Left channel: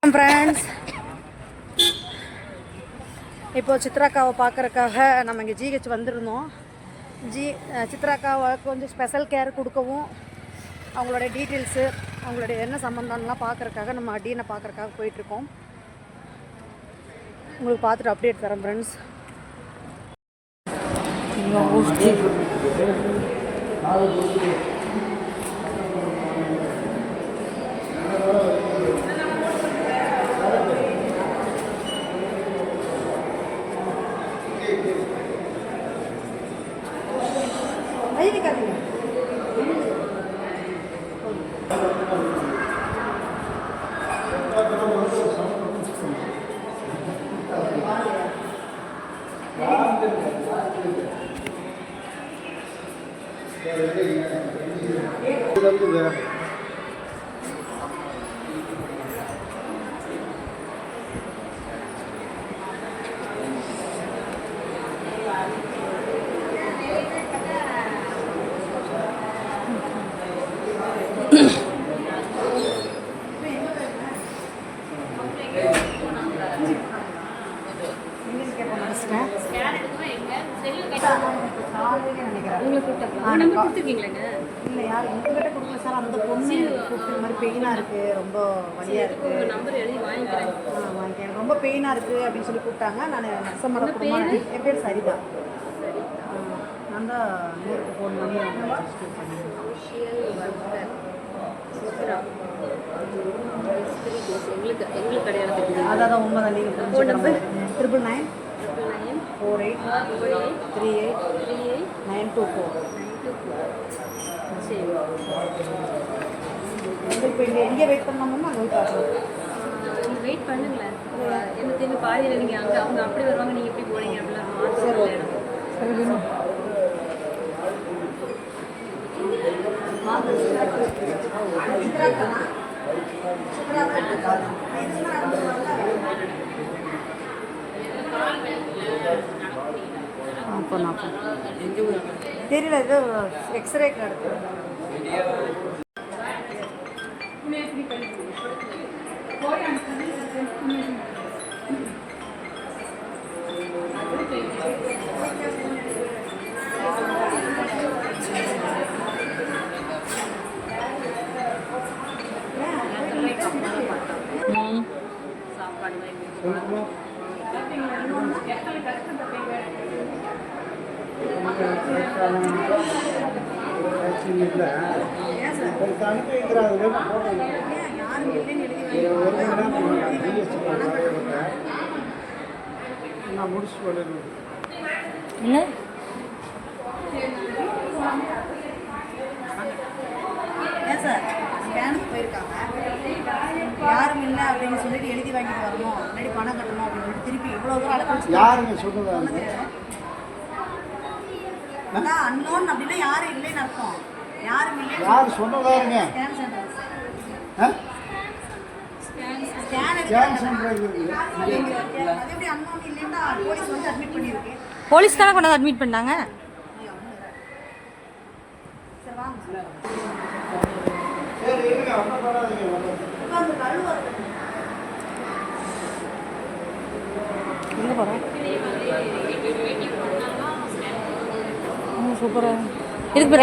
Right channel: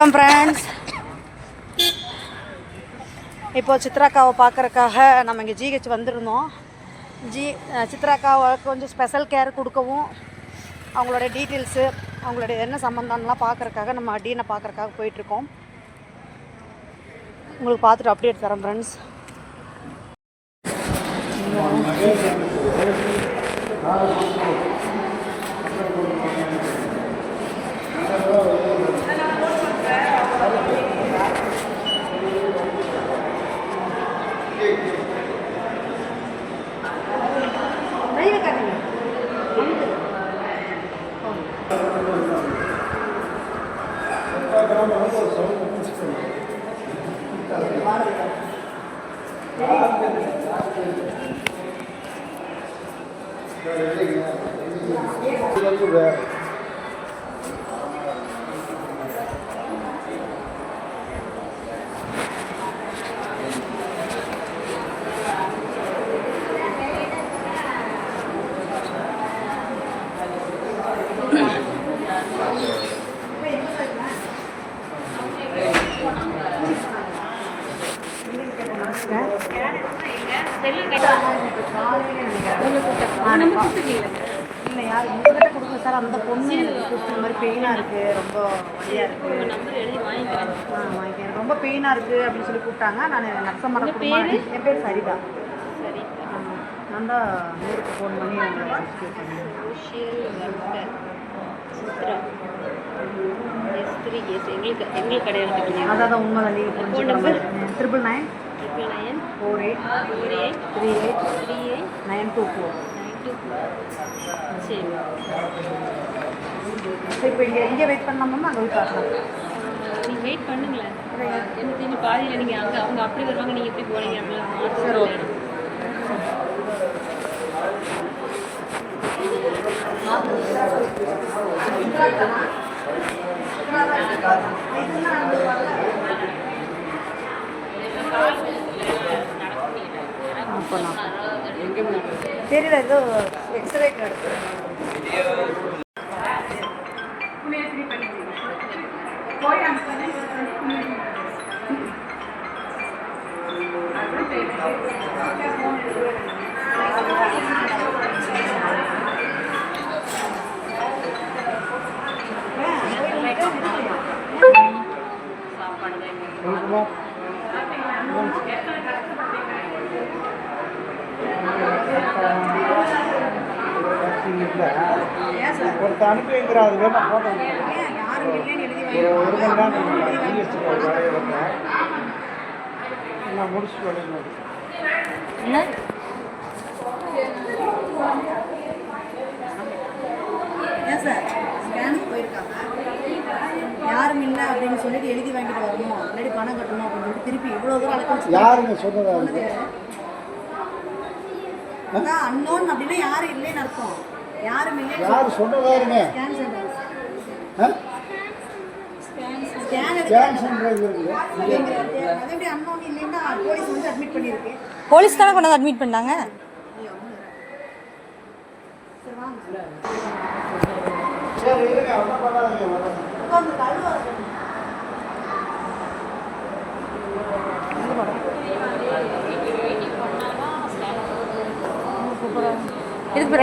Friends, இப்போது சித்ராக்காவை பார்க்குறக்காக நம்ம இங்கே ஜிஹெச் வந்திருந்தோம். சித்ராக்காவை கொஞ்சம் ஸ்பெஷல் கேர் கொடுக்கவும் அவங்களுடைய டீட்டெயில்ஸு அவங்களுடைய என்ன சம்மந்தம்லாம் பார்க்குறக்காக நம்ம டீனை பார்க்குறக்காக போயிட்டுருக்கோம். உங்களுக்கு பார்த்துட்டு அப்டேட் தரேன் ஃப்ரெண்ட்ஸ். இல்லை யார் உங்கள்கிட்ட கொடுங்க சார். அந்த பொண்ணு எனக்கு கூப்பிட்டு மாதிரி பெயினாக இருக்குது, ரொம்ப வழியாக இருக்குது, நம்பர் எழுதி வாங்கிக்கிறேன். வாங்கிக்கிறேன், ரொம்ப பெயினாக இருக்குது அப்படின்னு சொல்லி கூப்பிட்டாங்க. நான் நர்சம்மட குடும்பம். என் பேர் சரிதா. சரி, நான் தான் நேருக்கு ஃபோன் பண்ணி எங்களுக்கு கிடையாது. அதான் உண்மைதான். நீங்கள் ஃபோன் நம்பர் 999 48 38 924. சரி, இப்போ இங்கே வெயிட் பண்ணாமல் அங்கே போய் பார்க்கலாம். நீங்கள் வெயிட் பண்ணுங்களேன். எனக்கு தெரிஞ்சு பாதியில் நீங்கள் அங்கே அவங்க அப்படி வருவாங்க, நீங்கள் எப்படி போகிறீங்க அப்படிலாம். சரி, ஓகே. தெரியல, இது எக்ஸ்ரே எடுத்து ஒரு அனுப்பிங்கிறாது வேணும் போட்டோம். ஒரு மணி நேரம் ஜிஎஸ்டி நான் முடிச்சு வரணும். என்ன ஏன் சார் ஸ்கேனுக்கு போயிருக்காங்க, யாரும் இல்லை அப்படின்னு சொல்லிட்டு எழுதி வாங்கிட்டு வரணும், முன்னாடி பணம் கட்டணும் அப்படின்னு திருப்பி இவ்வளோ தூரம் அழைச்சி யாருங்க சொல்றது? அதான் அன்னோன் அப்படின்னா யாரும் இல்லைன்னு அர்த்தம். யாரும் இல்லை, யார் சொன்னதாருங்க? போலீஸ் தானே கொண்டாந்து அட்மிட் பண்ணாங்க. இதுக்கு